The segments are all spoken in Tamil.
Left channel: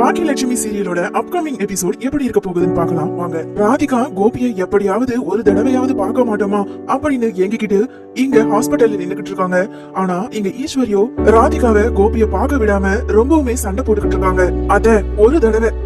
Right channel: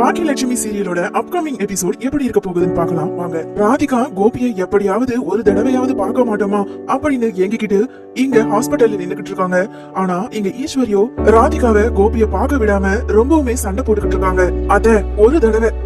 பாக்கியலட்சுமி சீரியலோட அப்கமிங் எபிசோட் எப்படி இருக்க போகுதுன்னு பார்க்கலாம் வாங்க. ராதிகா கோபியை எப்படியாவது ஒரு தடவையாவது பார்க்க மாட்டோமா அப்படின்னு எங்கிக்கிட்டு இங்க ஹாஸ்பிட்டல்ல நின்னுகிட்டு இருக்காங்க. ஆனா இங்க ஈஸ்வரியோ ராதிகாவை கோபியை பார்க்க விடாம ரொம்பவுமே சண்டை போட்டுக்கிட்டு இருக்காங்க. அத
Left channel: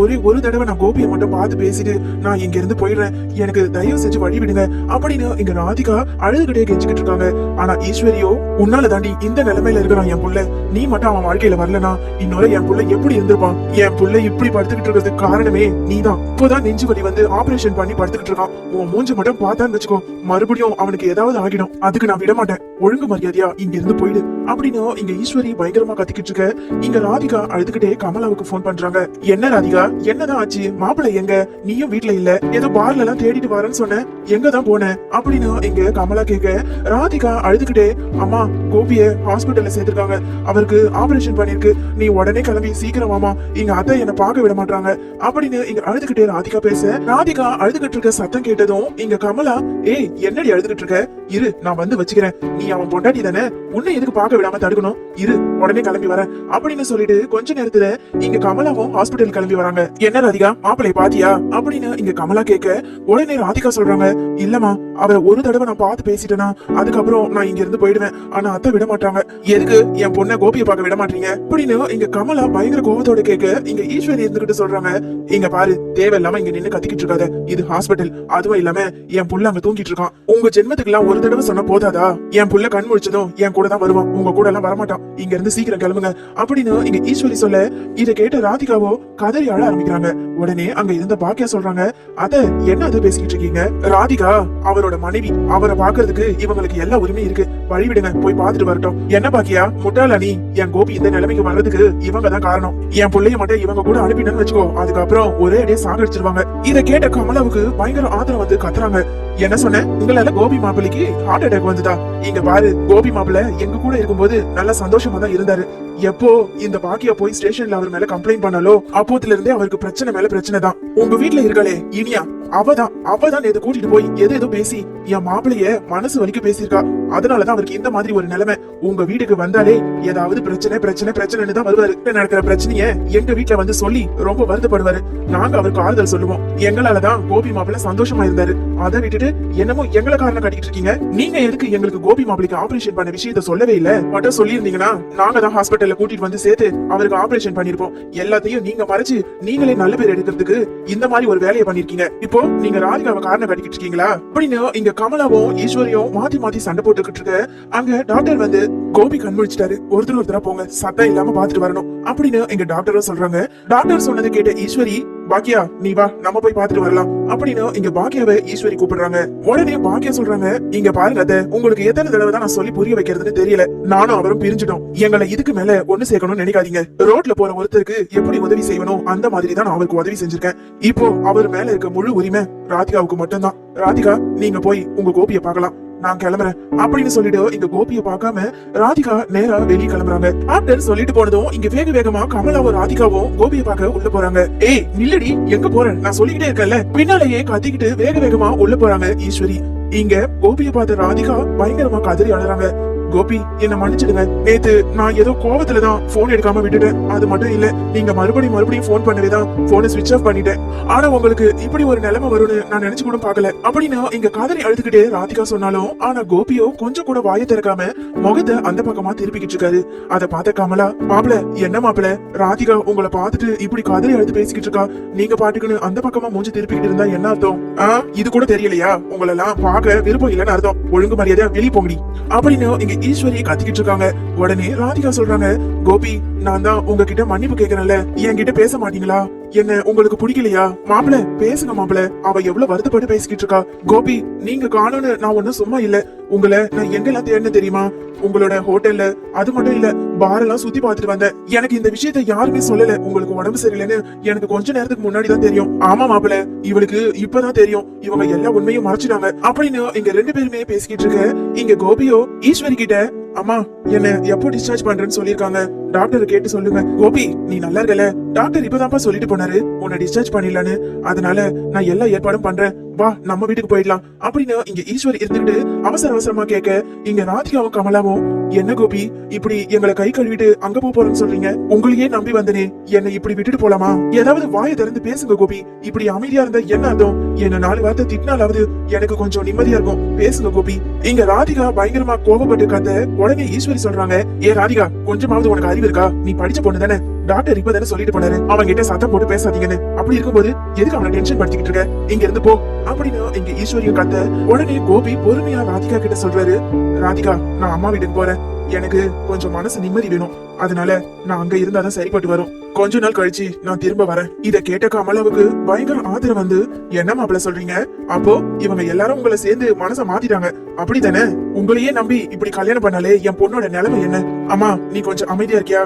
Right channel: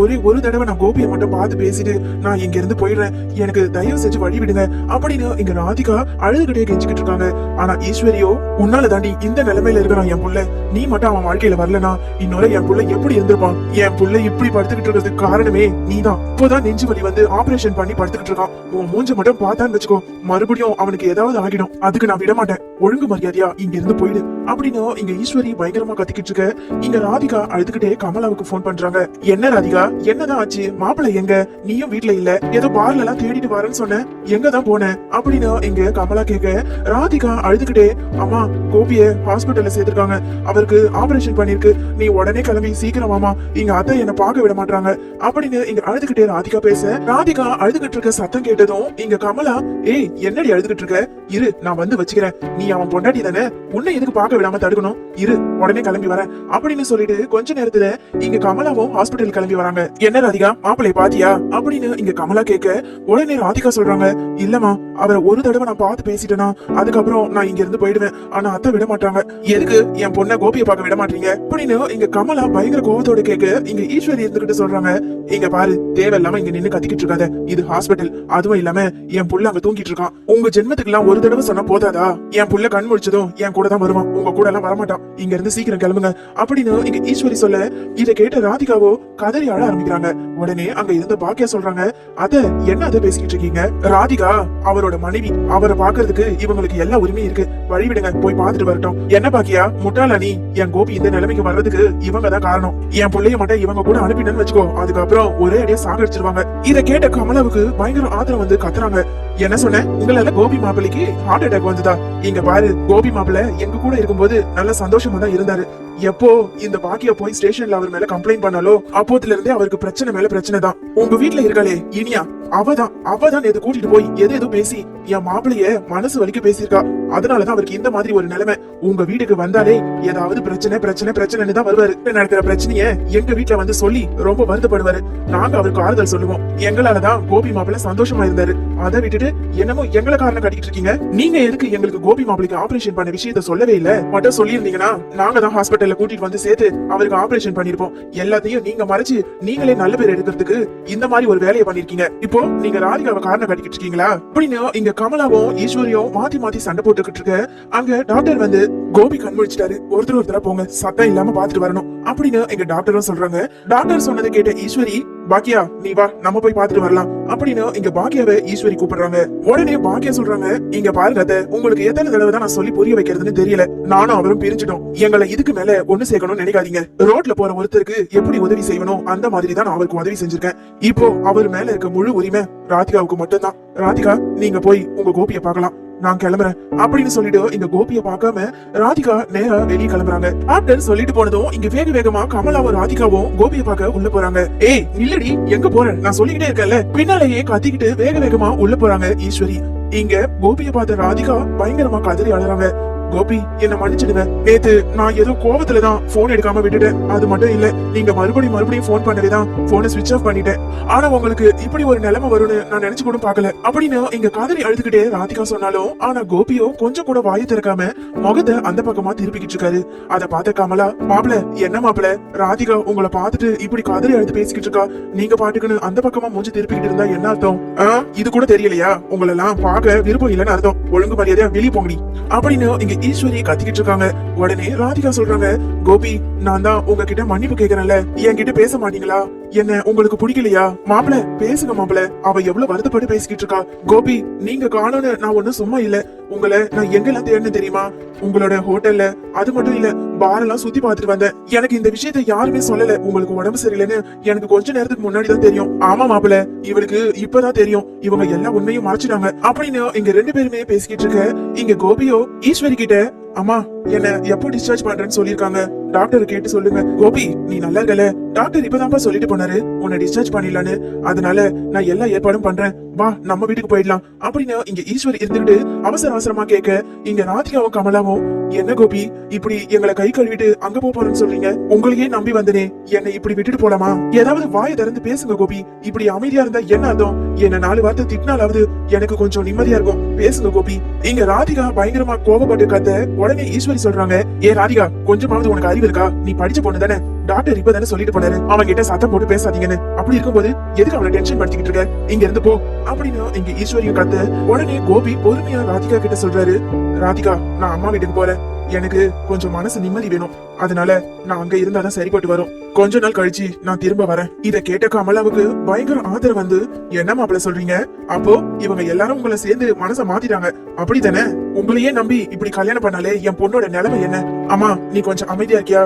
ஒரே ஒரு தடவை நான் கோபியை மட்டும் பார்த்து பேசிட்டு நான் இங்க இருந்து போயிடுறேன், எனக்கு தயவு செஞ்சு வழி விடுங்க அப்படின்னு இங்க ராதிகா அழுதுகிட்டே கெஞ்சிக்கிட்டு இருக்காங்க. ஆனா ஈஸ்வரியோ உன்னால தாண்டி இந்த நிலைமையில இருக்கிறான் என் புள்ள, நீ மட்டும் அவன் வாழ்க்கையில வரலனா இன்னொரு என் புள்ள எப்படி இருந்திருப்பான், என் புள்ள இப்படி படுத்துக்கிட்டு இருக்கிறதுக்கு காரணமே நீதான். இப்போதான் நெஞ்சு வலி வந்து ஆபரேஷன் பண்ணி படுத்துக்கிட்டு இருக்கான், உன் மூஞ்ச மட்டும் பார்த்தான்னு வச்சுக்கோ மறுபடியும் அவனுக்கு ஏதாவது ஆகிடும், அதுக்கு நான் விட மாட்டேன், ஒழுங்கு மரியாதையா இங்க இருந்து போயிடு அப்படின்னு இங்க ஈஸ்வரி பயங்கரமா கத்திக்கிட்டு இருக்க. இங்க ராதிகா அழுதுகிட்டே கமலாவுக்கு போன் பண்றாங்க. என்ன ராதிகா, என்னதான் ஆச்சு, மாப்பிள்ளை எங்க, நீயும் வீட்டுல இல்ல, ஏதோ பார்ல எல்லாம் தேடிட்டு வரேன்னு சொன்ன, எங்கதான் போன அப்படின்னு இங்க கமலா கேட்க. ராதிகா அழுதுகிட்டே, அம்மா கோபிய ஹாஸ்பிட்டல்ல சேர்த்திருக்காங்க, அவருக்கு ஆபரேஷன் பண்ணிருக்கு, நீ உடனே கிளம்பி சீக்கிரம் வாமா, இங்க அத்தை என்ன பார்க்க விட மாட்டாங்க அப்படின்னு இங்க அழுதுகிட்டே ராதிகா பேச. ராதிகா அழுதுகிட்டு இருக்க சத்தம் கேட்டதும் இங்க கமலா, ஏய் என்னடி அழுதுகிட்டு இருக்க, இரு நான் வந்து வச்சுக்கிறேன், நீ அவன் பொண்டாட்டி தானே, உன்னை எதுக்கு பார்க்க விடாம தடுக்கணும், இரு உடனே கிளம்பி வர அப்படின்னு சொல்லிட்டு கொஞ்ச நேரத்துல இங்க கமலாவும் ஹாஸ்பிட்டல் கிளம்பி வராங்க. என்ன ராதிகா மாப்பிள்ளை பாத்தியா அப்படின்னு இங்க கமலா கேட்க. உடனே ராதிகா சொல்றாங்க, இல்லமா அவரை ஒரு தடவை நான் பார்த்து பேசிட்டேனா அதுக்கப்புறம் நான் இங்க இருந்து போயிடுவேன், ஆனா அத்தை விட மாட்டாங்க, எதுக்கு என் பொண்ணை கோபியை பார்க்க விட மாட்டீங்க அப்படின்னு இங்க கமலா பயங்கர கோபத்தோட கேட்க. இங்க ஈஸ்வரி இருந்துகிட்டு சொல்றாங்க, இங்க பாரு தேவையில்லாம இங்க நின்னு கத்திக்கிட்டு இருக்காத, இது ஹாஸ்பிட்டல், அதுவும் இல்லாம என் புள்ள அங்க தூங்கிட்டு இருக்கான், உங்க ஜென்மத்துக்கு எல்லாம் ஒரு தடவை சொன்ன போதாதா, என் புள்ள கண் முழிச்சதும் என் கூட தான் வருவான், உங்க கூட எல்லாம் வரமாட்டான், இங்க இருந்து சீக்கிரம் கிளம்புங்க அப்படின்னு இங்க ஈஸ்வரி சொல்ல. இதை கேட்டு ராதிகாவோ கதறி அழ ஆரம்பிக்கிறாங்க. உடனே அங்க இருந்த பாக்கியா சொல்றாங்க, அத என்ன அதை பேசிக்கிட்டு இருக்கீங்க, ராதிகா அவரோட மனைவி, அவரை பாக்குறதுக்கு இவங்களுக்கு எல்லா உரிமையும் இருக்கு, வழி விடுங்க போய் பாத்துட்டு வரட்டும். என்ன பாக்கியா முட்டாளா நீ, என் கோபி இந்த நிலைமைக்கு வர்றதுக்கு இவங்க தான் காரணம், என் பிள்ளைய மட்டும் இவங்க கூட அனுப்பினு வச்சுக்கோ அதுக்கப்புறம் ஒரே அடியே சாகடிச்சிருவாங்க. இதை கேட்ட கமலாவுக்கு பயங்கர ஆதரவு வந்து கத்துறாங்க. என்ன சொன்ன, உங்களால கோபி மாப்பிள்ளைக்கு ஹார்ட் அட்டாக் வந்ததா, இங்க பாரு கோபி மாப்பிள்ளை எங்க கூட இருக்கும்போது நல்ல சந்தோஷமா தான் இருந்தாரு, எப்போ இந்த பாக்கியா போய் ஸ்டேஷன்ல அவர் மேல கம்ப்ளைண்ட் பண்ணாலோ அப்போதுல இருந்தே அவருக்கு பிரச்சனை மேல பிரச்சனை தான். உங்க வீட்டுல இருக்காளே இனியா, அவதான் நேத்து கூட்டிட்டு போய் எதோ பேசி என் மாப்பிளைய மனசு வலிக்க பேசியிருக்கா, அதனாலதான் அவருக்கு இந்த மாதிரி ஒரு நிலைமை. உங்க வீட்டுக்கு வந்தாலே ஏதாவது பிரச்சனைன்னு தான் வருவாரு, நடக்கிற பிரச்சனைய எங்க வீட்டுல வந்து சொல்லி ரொம்ப வருத்தப்படுவாரு, நாங்க அவருக்கு ஆறுதல் சொல்லுவோம், எங்களாலதான் கோபி மாப்பிள்ள சந்தோஷமா இருந்தாரு, அதை விட்டுட்டு என்னமோ எங்களை காரணம் கட்டிட்டு இருக்கீங்க, நீங்க எதுக்கு எங்களுக்கு கோபி மாப்பிளைக்கு ஆபரேஷன் பண்ண விஷயத்த சொல்லவே இல்ல, மட்டும் சொல்லியிருந்தீங்கன்னா நாங்க தான் ஹாஸ்பிட்டல்ல கூட்டிட்டு வந்து சேர்த்து அவருக்கு ஆபரேஷன் பண்ணிருப்போம், எல்லாத்தையும் நீங்க மறைச்சு நீங்களே நல்ல பேர் எடுக்கிறதுக்கு இந்த மாதிரி ஒரு வேலையை பண்ணிருக்கீங்க, இப்போ நீங்க ராதிகாவை காரணம் கட்டிக்கிட்டு இருக்கீங்களா அப்படின்னு இங்க கமலாவும் ஈஸ்வரியும் மாத்தி சண்டை போட்டுக்கிட்டு இருக்க. அங்க டாக்டர் வந்து, கோபி கண் முழிச்சிட்டாரு, ஒருத்தர போங்க சத்தம் இல்லாம பாத்துட்டு வரணும் அப்படின்னு எங்க டாக்டரும் சொல்றாங்க. டாக்டர் சொன்னதை கேட்ட ஈஸ்வரி, பாக்கியா நீ வா நம்ம போய் பாத்துட்டு வரலாம் அப்படின்னு இங்க பாக்கியாவை ஈஸ்வரி கூப்பிடுறாங்க. உடனே பாக்கியா சொல்றாங்க, இங்க பாருங்க அத்தை, உங்களுக்கு எத்தனை தடவை தான் நான் சொல்லி புரிய வைக்கிறதுன்னு தெரியல, நானும் அவரும் பிரிஞ்சிட்டோம், எங்களை இதுக்கு மேல ஒண்ணு சேர்க்கணும்னு நினைக்காதீங்க, ரோட்ல போற ஒருத்தருக்கு எப்படி உதவி செய்யணும் அந்த மாதிரி தான் நான் அவருக்கு உதவி செஞ்சிருக்கேன், இப்போ அவர் மேல இருக்க முழு உரிமை ராதிகாவுக்கு மட்டும்தான், ராதிகா நீங்க போய் உங்க கோபியை பார்க்கலாம், நான் கிளம்புறேன் அப்படின்னு சொல்லிட்டு இங்க கோபியை பார்க்காம ராதிகா நேரா வெளியே கிளம்புறாங்க. டாக்டர் சொல்லிட்டு போனதும் இங்க வேகமா கமலாவும் ராதிகாவும் கோபியை பார்க்க உள்ள போறாங்க. ஏய் நில்லடி, எங்க போறேன், நான் சொல்லிக்கிட்டே இருக்கேன்ல, பின்னாலேயே கத்திக்கிட்டு வேகமா உள்ள போறாங்க ஈஸ்வரி. இங்க கோபியை பார்த்த ராதிகா பயங்கரமா கதறி அழறாங்க. கோபி என்ன மன்னிச்சிடுங்க, நேத்து நான் ஏதோ கோவத்துலதான் போன் எடுக்காம விட்டுட்டேன், அது மட்டும் இல்ல நீங்க மறுபடியும் போன் பண்ணவேதான் போனை ஸ்விட்ச் ஆஃப் பண்ணிட்டேன், ஆனா உங்களுக்கு இப்படி ஒரு நிலைமை வரும்னு நான் நினைச்சு கூட பாக்கல அப்படின்னு இங்க காதலி அழுதுகிட்டே ராதிகா சொன்னாலும் ஆனா கோபியோ கொஞ்சம் கூட வாயை திறக்காம முகத்தை அந்த பக்கமா திருப்பிக்கிட்டு இருக்காரு. அதை பார்த்த கமலா, மாப்பிள என்ன மாப்பிள, ராதிகா உங்களை பார்த்துட்டு இப்படி காதலி அழுது பேசிக்கிட்டு இருக்கா, நீங்க பாட்டுக்குன்னு அந்த பக்கமா மூஞ்சி திருப்பிக்கிட்டு இருந்தா என்ன அர்த்தம், இது கூட தெரியலையா, உங்களை எல்லாம் பார்க்க விருப்பம் இல்லைன்னு அர்த்தம், ஒழுங்கு மரியாதையா வெளியே போங்கடி அப்படின்னு இங்க ஈஸ்வரியை கத்திக்கிட்டு இருக்காங்க. உடனே ராதிகா சொல்றாங்க, கோபி நான் தான் உங்ககிட்ட மன்னிப்பு கேக்குறேன்ல, என்கிட்ட பேச மாட்டீங்களா, என்ன உங்களுக்கு பிடிக்கலையா, மாப்பிள பேசுங்க மாப்பிள, அவ எவ்வளவு வருத்தப்பட்டு பேசிக்கிட்டு இருக்கா, கோபி நீங்க காணோன்னு நான் ஒன்னும் சும்மா இல்ல, உங்களை நான் எங்கெல்லாம் தேடின தெரியுமா, உங்களோட ஹோட்டல்ல, அது மட்டும் இல்ல பார் எல்லாம் சுத்தி பாத்துட்டு வந்தேன், எனக்கு இந்த விஷயத்த யாருமே சொல்லல, உங்களுக்கு உடம்பு சரியில்லைன்னு எனக்கு கொஞ்ச நேரத்துக்கு முன்னாடி தான் தெரியும், ஆமா மாப்பிள இவளுக்கு இப்பதான் தெரியும், இவங்க எல்லா உண்மையும் மறைச்சிட்டாங்க அப்படின்னு இங்க ரெண்டு பேருமே பேசிக்கிட்டு இருக்க. இங்க கோபியோ ஈஸ்வரி கிட்ட, அம்மா என்ன எப்போ டிஸ்சார்ஜ் பண்றேன்னு சொல்லிருக்காங்க, டாக்டர் கேட்டு சொல்லுங்க, கோபி நீ நல்லா இருக்கல, டாக்டர் இப்பதான்ப்பா சொல்லிட்டு போனாரு உன்னை டிஸ்சார்ஜ் பண்ணிடலான்னு, அதனால நான் எல்லா ஏற்பாடும் பண்றேன், வா நம்ம வீட்டுக்கு போயிடலாம் அப்படின்னு இங்க ஈஸ்வரி இருந்துட்டு அவசரமா கேட்க. இங்க ராதிகாவும் கமலாவும் என்ன கோபி இப்படி எங்களை கை கழுவிட்டு அங்க போறேன்னு சொல்றீங்க? உங்களையே நம்பி வந்தனே, என்னை இப்படி விட்டுட்டு போலாமா? ஏதாவது வாயை திறந்து பேசுங்க கோபி. இப்படி அமைதியா இருந்தா என்ன அர்த்தம்? என்ன 4 வார்த்தை திட்டினாலாவது எனக்கு கொஞ்சம் நிம்மதியா இருக்கும். பேசுங்க கோபி. இங்க ராதிகா பயங்கரமா கோபப்பட்டு கத்த உடனே ஈஸ்வரி சொல்றாங்க, ஏ ராதிகா, கொஞ்சமாவது உனக்கு அறிவு இருக்கா? நீ படிச்ச பொண்ணு தானே, டாக்டர் இப்பதானே சொல்லிட்டு போனாரு அவன் கிட்ட சத்தம் போட்டு பேசாதீங்கன்னு. அப்படி இருக்கும்போது எதுக்கு அவனை டென்ஷன் படுத்திக்கிட்டு இருக்க? இங்க இருந்து போ அப்படின்னு இங்க ஈஸ்வரியை கத்த உடனே கோபி பொறுமையா ராதிகா கிட்ட சொல்றாரு, ராதிகா, நான் அம்மா வீட்டுக்கு போறேன். எனக்கு கொஞ்சம் மனசு நிம்மதி வேணும். அதனால நான் அங்க இருந்தாதான் சரிப்பட்டு வரும். கொஞ்ச நாள் கழிச்சு நான் திரும்ப வரேன். இத கேட்ட கமலாவுக்கு பயங்கர ஆதரவு வந்து, என்ன மாப்பிள்ள சொல்றீங்க? அப்போ இவங்க எல்லாரும் உங்களை சேர்ந்து மனசை மாத்திட்டாங்க அப்படித்தானே? உங்களையே நம்பி இப்படி கல்யாணம் பண்ணாலே என் பொண்ணோட நிலைமை என்ன? அம்மா, நீ கொஞ்சம் அமைதியா இருக்கியா?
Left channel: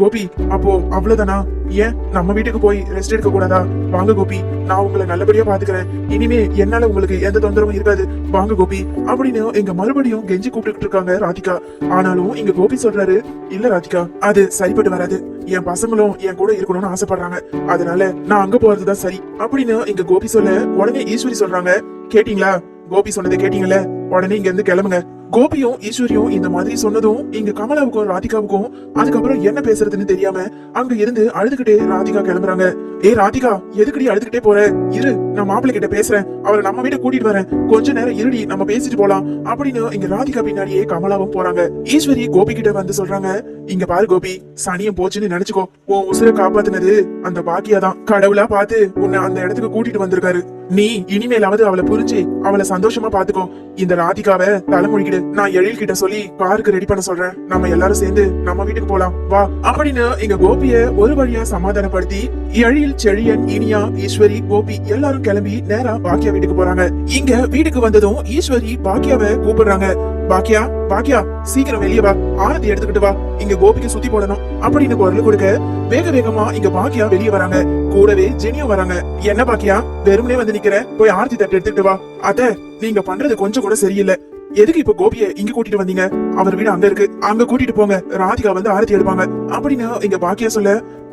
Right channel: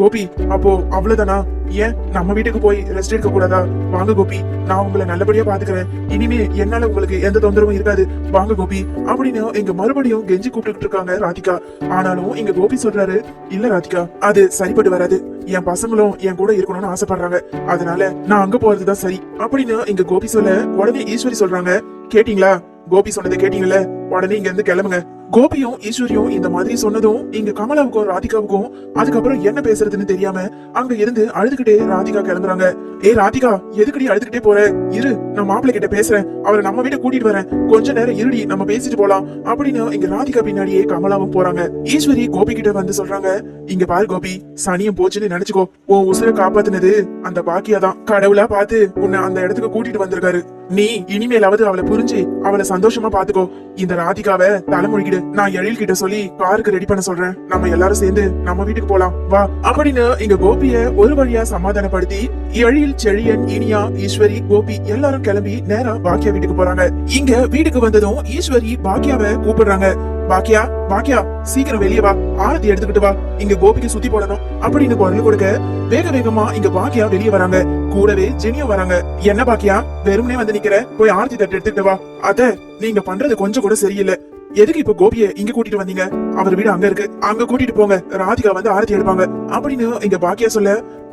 கோபி, அப்போ அவ்வளவுதானா? ஏன் நம்ம வீட்டுக்கு போய் ரெஸ்ட் எடுக்க கூடாதா? வாங்க கோபி, நான் உங்களை நல்லபடியா பாத்துக்கிறேன். இனிமே என்னால உங்களுக்கு எந்த தொந்தரவும் இருக்காது. வாங்க கோபி அப்படின்னு எங்க மறுபடியும் கெஞ்சி கூப்பிட்டு இருக்காங்க ராதிகா. ஆனாலும் இங்க கோபி சொல்றாரு, இல்ல ராதிகா, அது சரிப்பட்டு வராது. என் பசங்களும் என் கூட இருக்கணும்னு ஆசைப்படுறாங்க. அதனால நான் அங்க போறதுதான் சரி அப்படின்னு இங்க கோபி சொல்ல உடனே ஈஸ்வரி சொல்றாங்க, கேட்டீங்களா? கோபி சொன்னதை கேட்டீங்கல்ல, உடனே இங்க இருந்து கிளம்புங்க. கோபியும் ஈஸ்வரியும் இந்த மாதிரி சொன்னதும் இங்க கமலாவுக்கும் ராதிகாவுக்கும் அதுக்கப்புறம் என்ன பேசுறதுன்னு தெரியாம அங்க இருந்து அழுதுகிட்டே ராதிகா கிளம்புறாங்க. ஏ ராதிகா, எதுக்கடி அழுதுகிட்டே போற? இரு, நான் மாப்பிள்ளை கிட்ட பேசுறேன், அவரை நம்ம வீட்டுக்கு கூட்டிட்டு வரேன். கொஞ்ச நேரம் இருடி, நம்ம பேசிட்டு போலாம் அப்படின்னு இங்க ராதிகா பின்னாடியே கமலாவும் போறாங்க. ஈஸ்வரி கோபி கிட்ட வந்து சொல்றாங்க, இங்க பாரு கோபி, சனியும் போச்சுன்னு நினைச்சுக்கோ. உன் உசுரை காப்பாத்துனது அந்த பாக்கியா தான். கடவுளா பார்த்து உன்னை அந்த இடத்துக்கு கூட்டிட்டு வந்திருக்காரு. நீ இனிமேலாவது அவளை புரிஞ்சு அவளை சந்தோஷமா பாத்துக்கோ. இந்த ராதிகாவை தலைமொழிகிடு. நான் எழில் கிட்ட சொல்லி காருக்கு ரெடி பண்ண சொல்றேன். நம்ம எல்லாரும் சேர்ந்து நம்ம வீட்டுக்கு போலாம், வா அப்படின்னு இங்க கோபிய ஒரு வழியா சமாதானப்படுத்தி எழில், செழியன், இனியா, ஈஸ்வரி, கோபி எல்லாரும் கிளம்பி நேரா பாக்கியா வீட்டுக்கு போறாங்க. இங்க வீட்டுக்கு வந்ததும் ஈஸ்வரி பாக்கியாவை கூப்பிடுறாங்க. பாக்கியா, பாக்கியா, சீக்கிரம் வெளியே வா, ஆரத்தி எடுத்துக்கிட்டு வா, இங்க கோபிக்கு சுத்தி போடணும் அப்படின்னு குரல் கொடுக்க வேக வேகமா இங்க பாக்கியா வெளியே வராங்க. கூடவே ஜெனியும் வராங்க. என்ன பாக்கியா, வெறுமனே வந்து நிக்கிற? போய் ஆரத்தி தட்டு எடுத்துக்கிட்டு வா. அத நீங்க பண்றது கொஞ்சம் கூட சரியில்லை. எதுக்கு இப்ப கோபிய இங்க கூட்டிட்டு வந்தீங்க? அவர் வீடு அங்க இருக்கு, அங்க கூட்டிட்டு போங்க. ராதிகா வந்து ஆரத்தி எடுப்பாங்க அப்படின்னு இங்க பாக்கியா சொல்ல,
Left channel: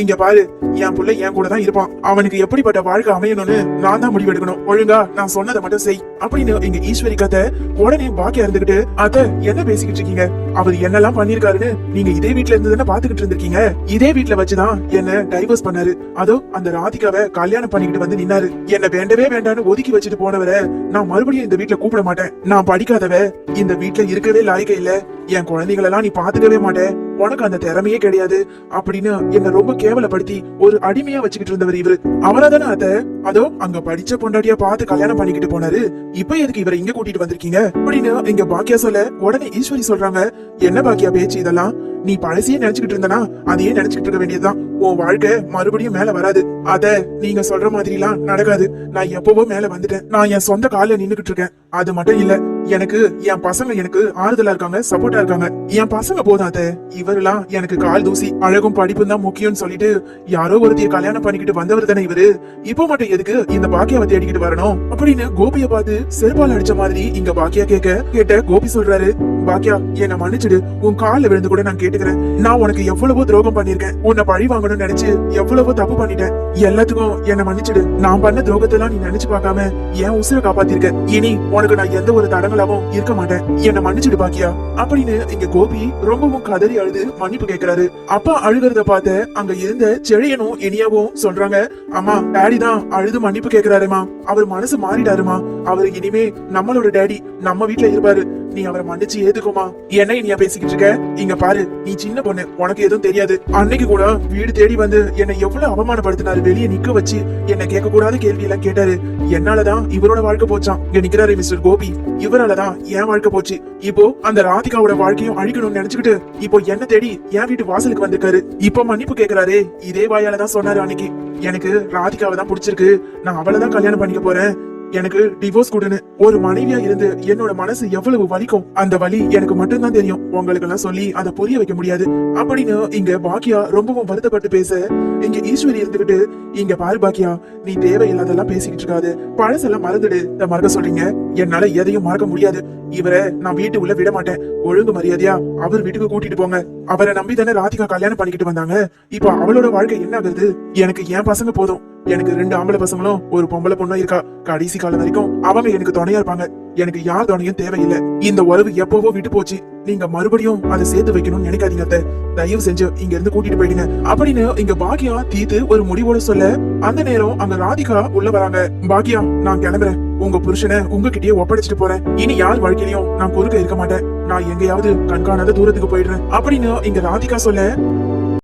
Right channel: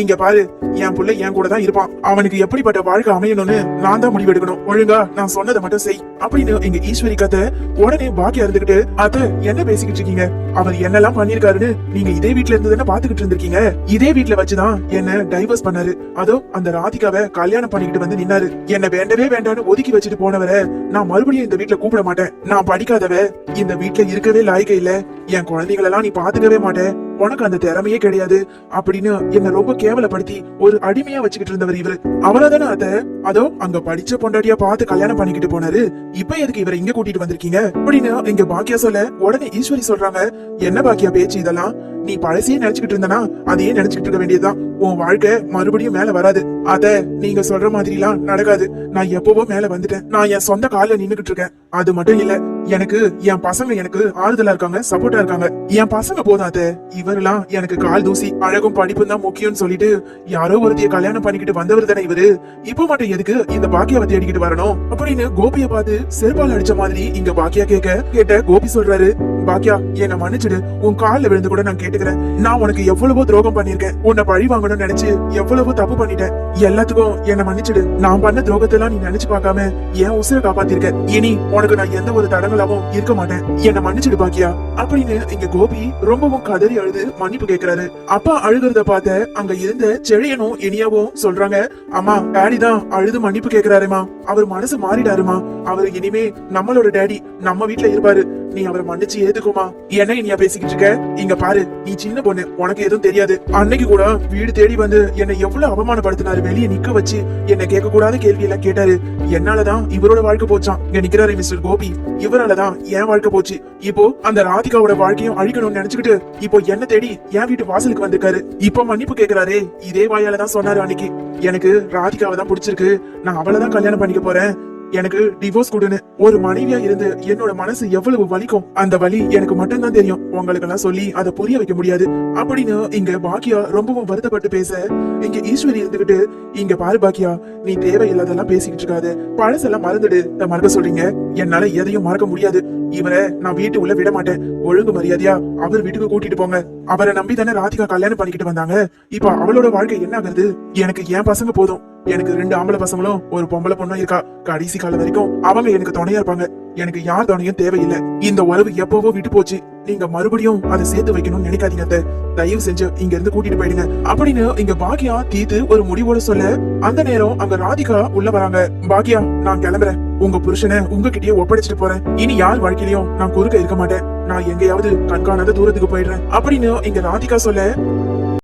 இங்க பாரு, என் புள்ள என் கூட தான் இருப்பான். அவனுக்கு எப்படிப்பட்ட வாழ்க்கை அமையணும்னு நான் தான் முடிவு எடுக்கணும். ஒழுங்கா நான் சொன்னதை மட்டும் செய் அப்படின்னு இங்க ஈஸ்வரி கதை உடனே பாக்கியா இருந்துகிட்டு, அத என்ன பேசிக்கிட்டு இருக்கீங்க? அவர் என்னெல்லாம் பண்ணிருக்காருன்னு நீங்க இதே வீட்டுல இருந்து தானே பாத்துக்கிட்டு இருந்திருக்கீங்க. இதே வீட்டுல வச்சுதான் என்ன டைவர்ஸ் பண்ணாரு. அதோ அந்த ராதிகாவை கல்யாணம் பண்ணிக்கிட்டு வந்து நின்னாரு. என்ன வேண்டவே வேண்டான்னு ஒதுக்கி வச்சுட்டு போனவரை நான் மறுபடியும் இந்த வீட்டுல கூப்பிட மாட்டேன். நான் படிக்காதவ, இந்த வீட்டுல இருக்கவே லாய்க்க இல்ல, என் குழந்தைகளெல்லாம் நீ பாத்துக்கவே மாட்டேன், உனக்கு அந்த திறமையே கிடையாது அப்படின்னு என்ன ரொம்ப கேவலப்படுத்தி ஒரு அடிமையா வச்சுக்கிட்டு இருந்தவர் இவரு. அவளதானே அத அதோ அங்க படிச்ச பொண்டாட்டியா பார்த்து கல்யாணம் பண்ணிக்கிட்டு போனாரு. இப்ப எதுக்கு இவரை இங்க கூட்டிட்டு வந்திருக்கீங்க அப்படின்னு இங்க பாக்கியா சொல்ல உடனே ஈஸ்வரி சொல்றாங்க, என்ன பாக்கியா பேச்சு இதெல்லாம்? நீ பழசையே நினைச்சுக்கிட்டு இருந்தனா அதையே நினைச்சுக்கிட்டு இருக்க வேண்டியதுதான். உன் வாழ்க்கை மறுபடியும் மேல வராது. அத நீங்க சொல்ற மாதிரி எல்லாம் நடக்காது. நான் எப்பவோ மேல வந்துட்டேன். நான் என் சொந்த கால நின்னுகிட்டு இருக்கேன். அது மட்டும் இல்ல, எனக்கு என் பசங்க எனக்கு ஆறுதலா இருக்காங்க, சப்போர்ட்டா இருக்காங்க. என் பசங்க போதும் அத. இவரெல்லாம் எனக்கு கால் தூசி, அழகும் படிப்பும் தான் முக்கியம்னு சொல்லிட்டு யாரோ ஒருத்திய கல்யாணம் பண்ணிக்கிட்டு வந்தவர் தானே இவரு. இப்ப மட்டும் எதுக்கு இந்த பாக்கியாவை தேடிக்கிட்டு வரணும் அப்படின்னு கோபிய பார்த்து செருப்பால் அடிச்ச மாதிரி இங்க பாக்கியா கேட்ட கோபி சொல்றாரு, பாக்கியா, என்ன மன்னிச்சிடு. உன் கால்ல விழுந்து கூட நான் கேட்டுக்கிறேன். நான் உனக்கு எவ்வளவோ துரோகம் பண்ணிருக்கேன். உன்னை பழி வாங்கணும்னு நினைச்சு எவ்வளவோ தப்பு பண்ணிட்டேன். எல்லாத்துக்கும் என்ன மன்னிச்சிடு. நான் பண்ண துரோகத்தெல்லாம் நீ நினைச்சு பார்க்காம என் உசுரை காப்பாத்திருக்க. இனி உனக்கு நான் எந்த ஒரு தடங்களாவும் இருக்க மாட்டேன். என்ன மன்னிச்சிடு பாக்கியா அப்படின்னு இங்க கோபி ரொம்பவும் கதறி அழுது மன்னிப்பு கேட்கிறாரு. அப்பா அழுகிறத பார்த்து அங்க இருந்த செழியனும் இனியாவும் சொல்றாங்க, அம்மா, டாடி தான் அழுது மன்னிப்பு கேட்கிறாருமா. அவர் மனசு மாறிட்டாருமா. அவரு இனிமே நம்மளோட டாடி, நம்ம வீட்டுல இருப்பாரு. நீ அவரை மன்னிச்சு ஏத்துக்கோமா. என்ன இனியா பேசிக்கிட்டு இருக்க? இங்க பாரு, நீ சின்ன பொண்ணு, உனக்கு எதுவும் தெரியாது. அன்னைக்கு கூட வீடு தேடி வந்து என்னை எவ்வளவு அவமானப்படுத்தினாரு. வெளியே நிக்க வச்சு என்ன கேட்க கூடாத கேள்வி எல்லாம் கேட்டாரு. என்னாலதான் இவரோட வாழ்க்கை போச்சான். இங்க நிக்கிறாரு மிஸ்டர் கோபி, இவராலதான் என் வாழ்க்கை போச்சு. இப்போ அந்த ராதிகாவோட வாழ்க்கையும் அழிக்கணும்னு நினைச்சுக்கிட்டு இப்போ என்ன தேடி என் வீட்டு வாசலுக்கு வந்திருக்காரு. இப்ப மன்னிப்பு கேக்குறாரு. இதே வாயாலதான் சொன்னாரு அன்னைக்கு, எனக்கு ராதிகாவை தான் பிடிச்சிருக்கு, நான் அவளைதான் கல்யாணம் பண்ணிக்க போறேன், எனக்கு டிவோர்ஸ் கொடுன்னு. ஒரு மனைவியா இருந்து என்னோட மனசு எவ்வளவு வலிக்கும். அந்த வலி எனக்கு மட்டும்தான் தெரியும். உங்களுக்கு எல்லாம் சொல்லி அதை புரிய வைக்க முடியாது அப்படின்னு இங்க பாக்கியா ரொம்பவும் வருத்தப்பட்டு பேச இங்க ஈஸ்வரி இருந்துகிட்டு, இங்க பாரு பாக்கியா, நீ தேவையில்லாதெல்லாம் பேசிக்கிட்டு இருக்காது. பழசெல்லாம் மறந்துடு. மறக்க சொல்றீங்க, என்னால எதையும் மறக்க முடியாது. இவரை நான் வீட்டு உள்ள விட மாட்டேன். ஒழுங்கு மரியாதையா அவர் வீட்டுக்கு கூட்டிட்டு போங்க. அவரை நம்பி தானே ராதிகா கல்யாணம் பண்ணிக்கிட்டு வந்தாங்க. இப்ப அவளோட வாழ்க்கை என்ன ஆகுது? எனக்கு என் பசங்க போதும். எனக்கு 2 ஆம்பளை பசங்களும் ஒரு பொம்பளை பொண்ணும் இருக்கா. கடைசி காலம் வரைக்கும் அவங்க எனக்கு துணையா இருப்பாங்க. எனக்கு யார் துணையும் தேவையில்லை. இந்த உறவு எப்பவோ விட்டு போச்சு. நீங்க மறுபடியும் அதை சேர்த்து வைக்கணும்னு நினைக்காதீங்க அத்தை. தயவு செஞ்சு இங்க இருந்து கூட்டிட்டு போயிடுங்க அப்படின்னு இங்க பாக்கியா தீத்து ஒரு முடிவோட சொல்ல, அந்த நேரம் அங்க ராதிகா உள்ள வராங்க. பாக்கியா, நான் கிளம்புறேன். உங்க புருஷனை உங்ககிட்டயே ஒப்படைச்சிட்டு போறேன். இனி யார் வாழ்க்கையிலயும் நான் குறுக்க இருக்க மாட்டேன். நான் எங்கேயாவது கண்காணாத தூரத்துக்கு போயிடுறேன் அப்படின்னு இங்க ராதிகா சொல்ல,